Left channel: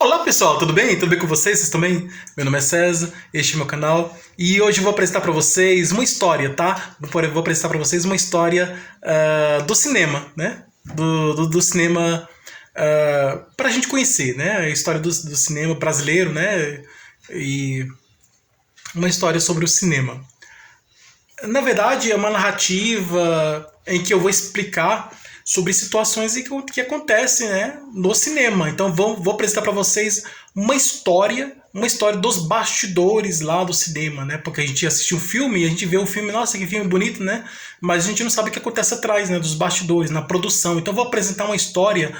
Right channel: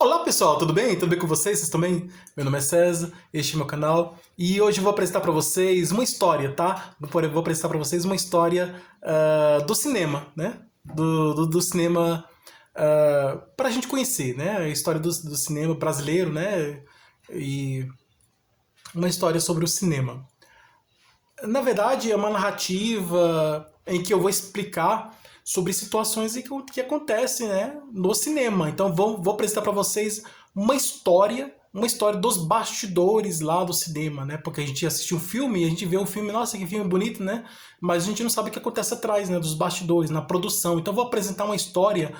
Olá pessoal, tudo bem? Tudo bem com vocês? Vocês estão bem? Meu nome é César, este é meu canal e hoje eu vou apresentar para vocês uma história, tá? Vou apresentar para vocês uma história do cinema, né? Do cinema para a gente conhecer, né? A história do cinema brasileiro, né? E uma história sobre o cinema. Na verdade, é uma narrativa em que eu vou explicar sobre situações que acontecem, né, no cinema. Então vou apresentar para vocês uma história dos bastidores lá do cinema, né? Porque a gente assiste um filme e a gente vê o filme, nossa, que filme bonito, né? Mas a gente não sabe o que acontece atrás, né, dos bastidores, na produção. Então vou apresentar uma história.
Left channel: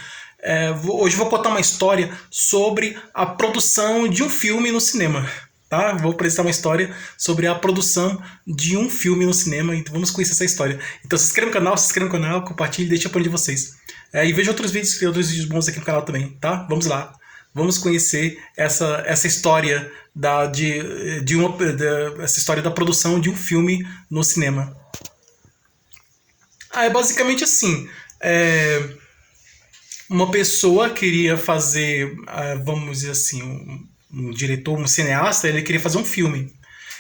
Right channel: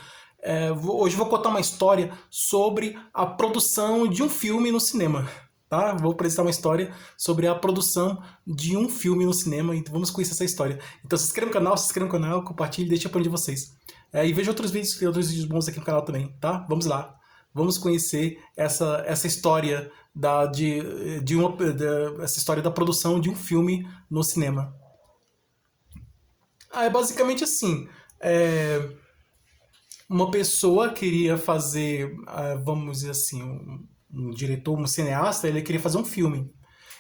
Hoje vou contar uma história sobre a produção de um filme no cinema. Tá? Vou apresentar uma história sobre a produção de um filme no cinema, então vamos conhecer essa história. Então se inscreva no canal, compartilhe e deixe o apoio de vocês. E veja outros vídeos bons aqui no canal também, tá? Vamos lá. Vamos conhecer essa história essa história da produção de um filme no cinema. É basicamente assim. Uma pessoa queria fazer, vamos dizer assim, um diretor, um cineasta, ele queria fazer um filme.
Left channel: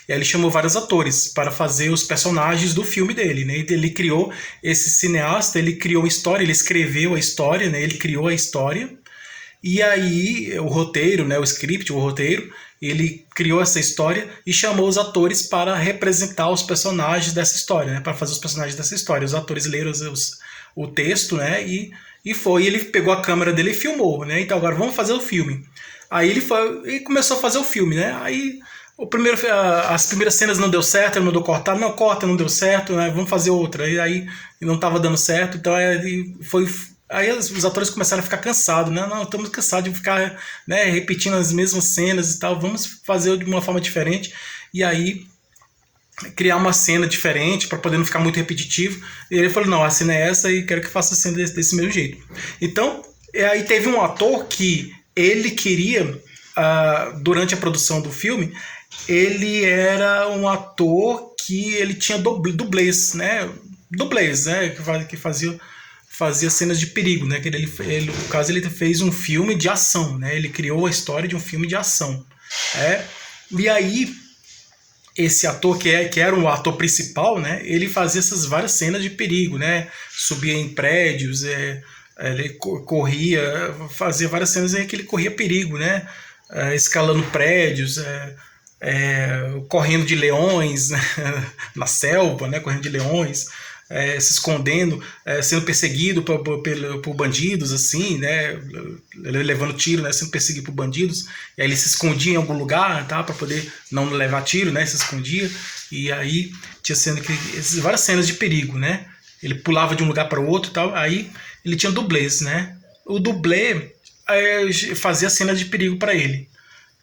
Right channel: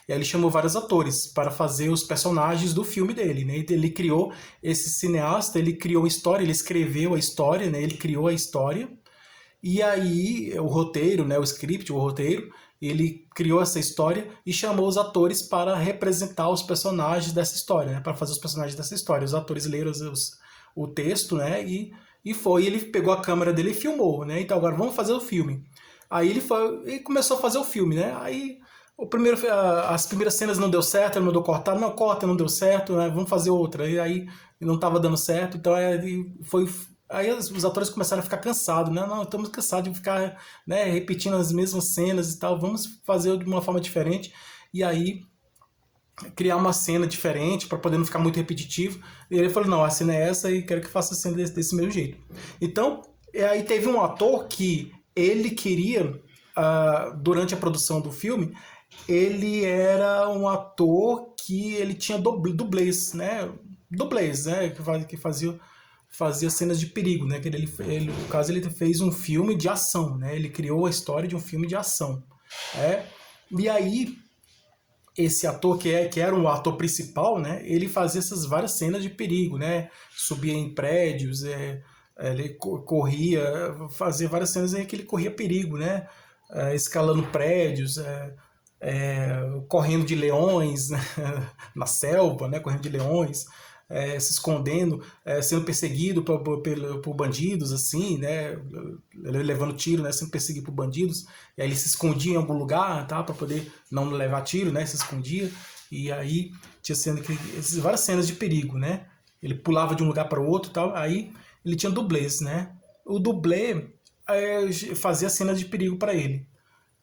E aí ele chamou vários atores para fazer os personagens do filme dele, né? Ele criou esse cineasta, ele criou a história, ele escreveu a história, né? Ele criou a história. E aí o roteiro, né? O script, o roteiro, ele criou essa história e chamou os atores para representar os personagens dessa história, né? Para fazer os personagens dessa história. Os atores leram o texto, né? Ele pegou a câmera dele e filmou, né? Então agora vamos fazer o filme. Aí ele começou a fazer o filme, né? Aí as primeiras cenas não deu certo, ele mandou cortar, não corta, não deu certo, né? Vamos fazer outra. Aí não estava dando certo, então aí os atores começaram a ficar cansados, né? Não, estamos cansados de ficar, né, repetindo as mesmas cenas e tal, vamos fazer de uma forma diferente. E aí criar uma cena diferente para poder não ficar muito repetitivo. E ele falou, não, a cena é essa e quero que faça a cena desse mesmo jeito. Então, aí teve um ator que ele queria, durante a produção do filme, ele era um ator que ele tinha dublês, né? Dublês, né? Que fazia cenas de perigo, né? No caso, ele fez um filme de ação, né? Ele criou a história de um filme de ação. E aí, esse ator que era um ator principal, né? Ele fazia essas várias cenas de perigo, né? Subia em prédios, ele corria, fazia várias cenas em que ele corria perigo, né? Escalando prédios, correndo de leões, né? Na selva, né? Correndo de leões, se escondendo, sendo perseguido por bandidos, assim, né? Levando tiro, né? Sendo perseguido por bandidos. E aí ele se escondia em algum lugar, tá? Para poder não levar tiro, né? Se escondia. E aí tinha várias cenas de perigo, né? Ele pulava de um lugar para o outro e tal. Aí ele tinha dublês, né? O dublê fazia cenas de perigo para ele.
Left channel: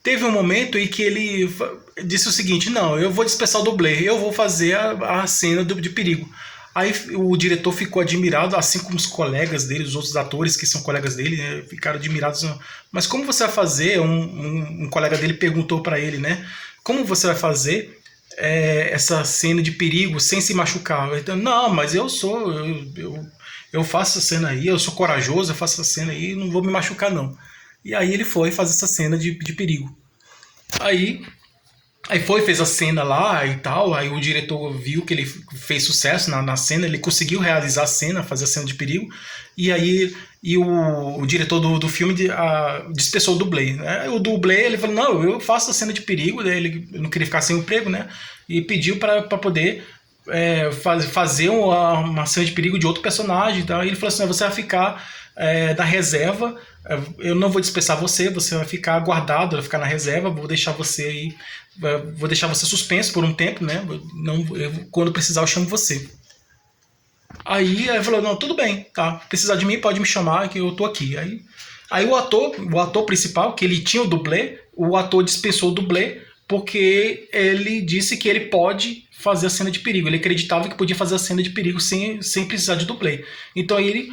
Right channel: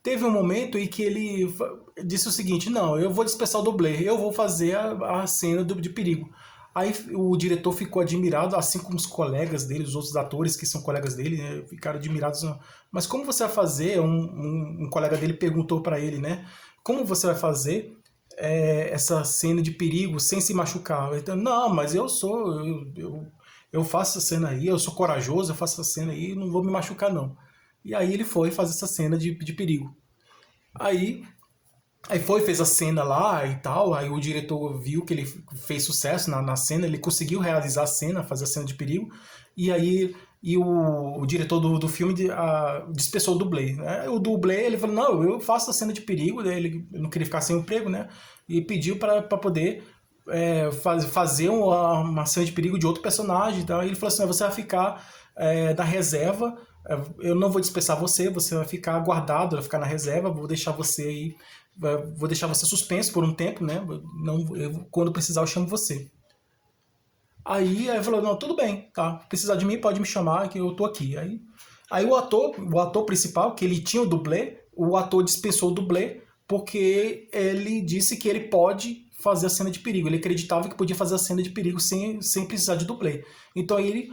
Teve um momento em que ele disse o seguinte, não, eu vou dispensar o dublê, eu vou fazer a cena de perigo. Aí o diretor ficou admirado, assim como os colegas dele, os outros atores que são colegas dele, né, ficaram admirados. Mas como você vai fazer? Um colega dele perguntou para ele, né? Como você vai fazer essa cena de perigo sem se machucar? Então, não, mas eu faço essa cena aí, eu sou corajoso, eu faço essa cena aí, não vou me machucar não. E aí ele foi fazer essa cena de perigo. Aí fez a cena lá e tal, aí o diretor viu que ele fez sucesso na cena, ele conseguiu realizar a cena, fazer a cena de perigo, e aí o diretor do filme dispensou o dublê, né? O dublê, ele falou, não, eu faço a cena de perigo, né? Ele não queria ficar sem emprego, né? E pediu para poder fazer uma cena de perigo de outro personagem, então ele falou assim, você vai ficar na reserva, eu não vou dispensar você vai ficar guardado, vai ficar na reserva, vou deixar você suspenso por um tempo, né? Quando precisar eu chamo você. Aí ele falou, não, tudo bem, tá, precisar de mim pode me chamar que eu tô aqui. Aí o ator principal, que ele tinha o dublê, o ator dispensou o dublê porque ele disse que ele pode fazer a cena de perigo, ele acreditava que podia fazer a cena de perigo sem precisar de dublê. Então aí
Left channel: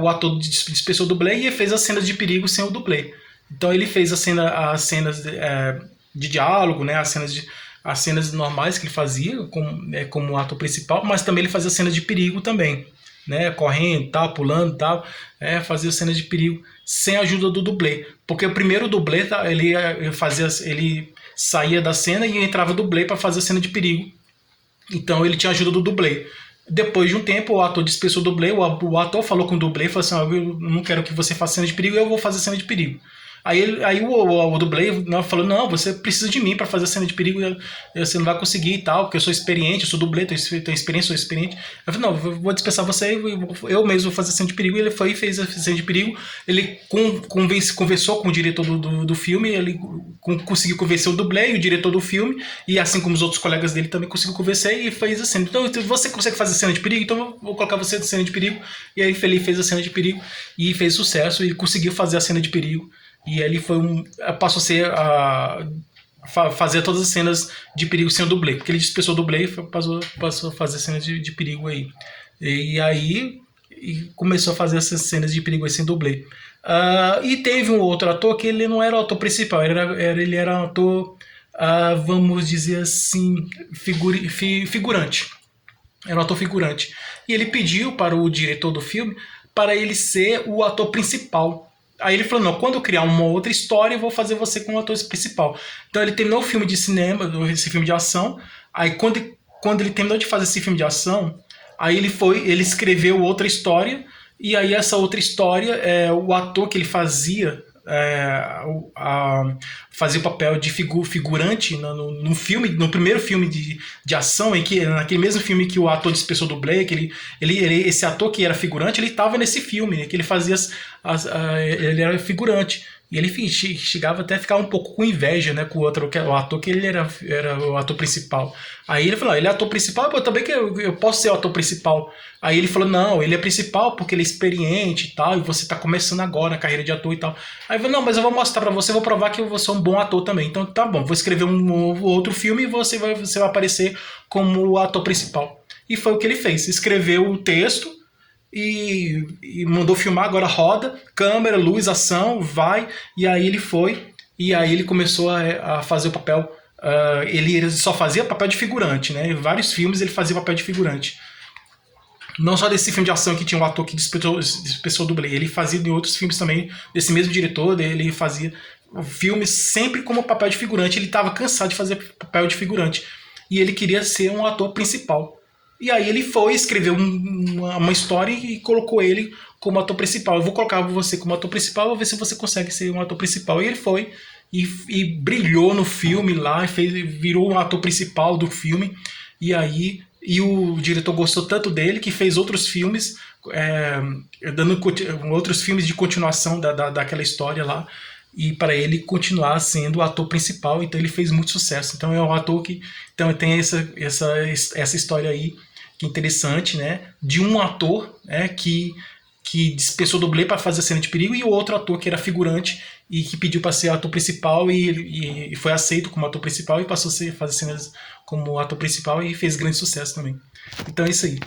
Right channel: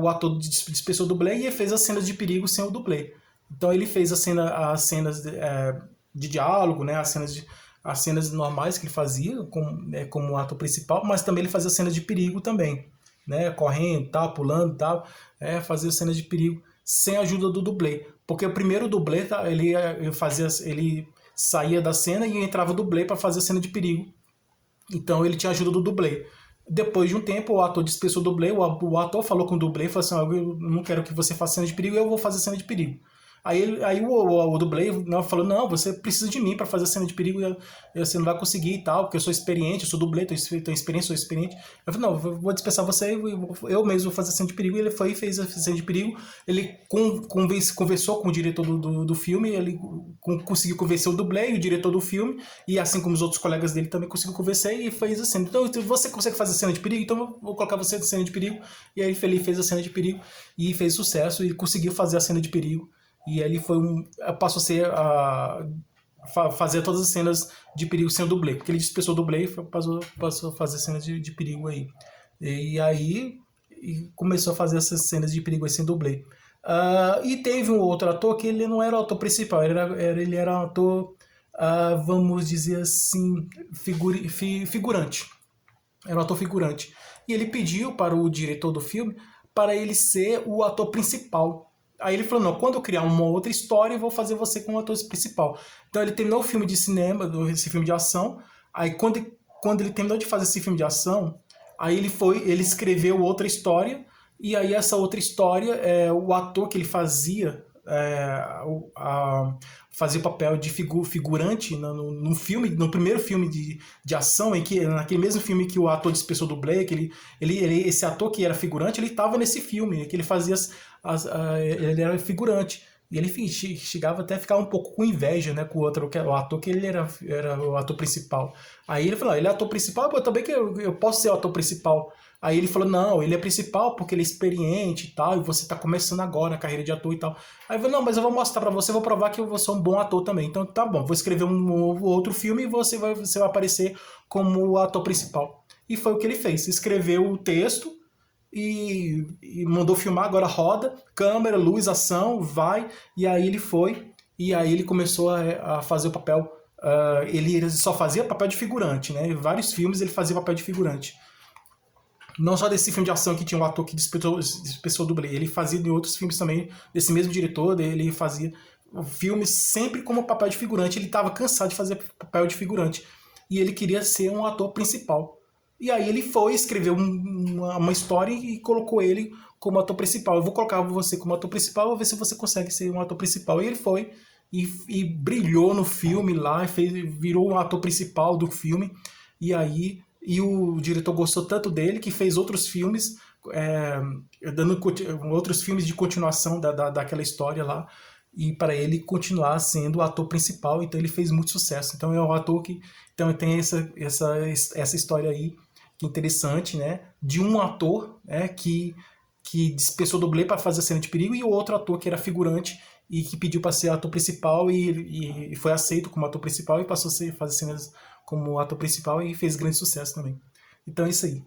o ator dispensou o dublê e fez as cenas de perigo sem o dublê. Então ele fez as cenas de diálogo, né, as cenas normais que ele fazia como ator principal, mas também ele fazia cenas de perigo também. né, correndo, tal, pulando, tal, fazia cenas de perigo sem a ajuda do dublê, porque o primeiro dublê ele saía da cena e entrava o dublê para fazer a cena de perigo. Então ele tinha ajuda do dublê. Depois de um tempo, o ator dispensou o dublê, o ator falou com o dublê, falou assim, eu não quero que você faça cena de perigo, eu vou fazer cena de perigo. Aí o dublê falou, não, você precisa de mim para fazer a cena de perigo, você não vai conseguir e tal, porque eu sou experiente, eu sou dublê, tenho experiência, sou experiente. Eu falei, não, eu vou dispensar você, eu mesmo vou fazer a cena de perigo. E ele foi e fez a cena de perigo. Ele conversou com o diretor do filme, ele conseguiu convencer o dublê e o diretor do filme, e assim como os outros colegas dele também conseguiu convencer e fez a cena. Então, você consegue fazer cena de perigo? Então eu vou colocar você na cena de perigo. E aí ele fez a cena de perigo e fez sucesso e conseguiu fazer a cena de perigo. E ele passou a ser fazer todas as cenas de perigo sem o dublê, porque ele dispensou o dublê e passou a fazer cenas de perigo aí. E aí começou a fazer essas cenas de perigo aí sem dublê. E teve um outro ator que ele não era o ator principal, ele era um ator, vamos dizer assim, figurante. Era um ator figurante. E ele pediu para o diretor do filme para ele ser o ator principal. Aí ele falou, não, quando eu criar uma outra história, eu vou fazer você como ator principal. Então ele terminou o filme de cinema, esse filme de ação. Aí quando ele terminou de fazer esse filme de ação, aí ele escreveu outra história. E aí essa outra história, o ator que ele fazia, fazia o papel de figurante no filme, no primeiro filme de ação, naquele mesmo filme que o ator dispensou do Blake, esse ator que era figurante, ele estava nesse filme, né, que ele fazia ele era figurante. E ele chegava até a ficar um pouco com inveja, né, com o ator que ele era o ator principal. Aí ele falou, ele é ator principal, eu também que eu posso ser o ator principal. Aí ele falou, não, ele é principal porque ele é experiente e tal, e você está começando agora a carreira de ator e tal. Aí eu falei, não, mas eu vou mostrar pra você, vou provar que eu vou ser um bom ator também. Então tá bom, vou escrever um outro filme e você vai aparecer como o ator principal. E foi o que ele fez, escreveu o texto, e mandou filmar, agora roda, câmera, luz, ação, vai, e aí ele foi, e aí ele começou a fazer o papel, ele só fazia papel de figurante, né? Em vários filmes ele fazia papel de figurante. Não só desse filme de ação que tinha um ator que dispensou o dublê, ele fazia em outros filmes também, desse mesmo diretor, ele fazia filmes sempre como papel de figurante, ele estava cansado de fazer papel de figurante, e ele queria ser um ator principal. E aí ele foi, escreveu uma história e colocou ele como ator principal. Eu vou colocar você como ator principal, vou ver se você consegue ser um ator principal. E ele foi e brilhou no filme lá, virou um ator principal do filme. E o diretor gostou tanto dele que fez outros filmes, dando outros filmes de continuação daquela história lá. E para ele continuar sendo o ator principal, então ele fez muito sucesso. Então é um ator que então tem essa história aí que é interessante, né? De um ator, né, que dispensou o dublê para fazer a cena de perigo, e o outro ator que era figurante e que pediu para ser ator principal e foi aceito como ator principal e passou a fazer cenas como ator principal e fez grande sucesso também. Então é isso aí.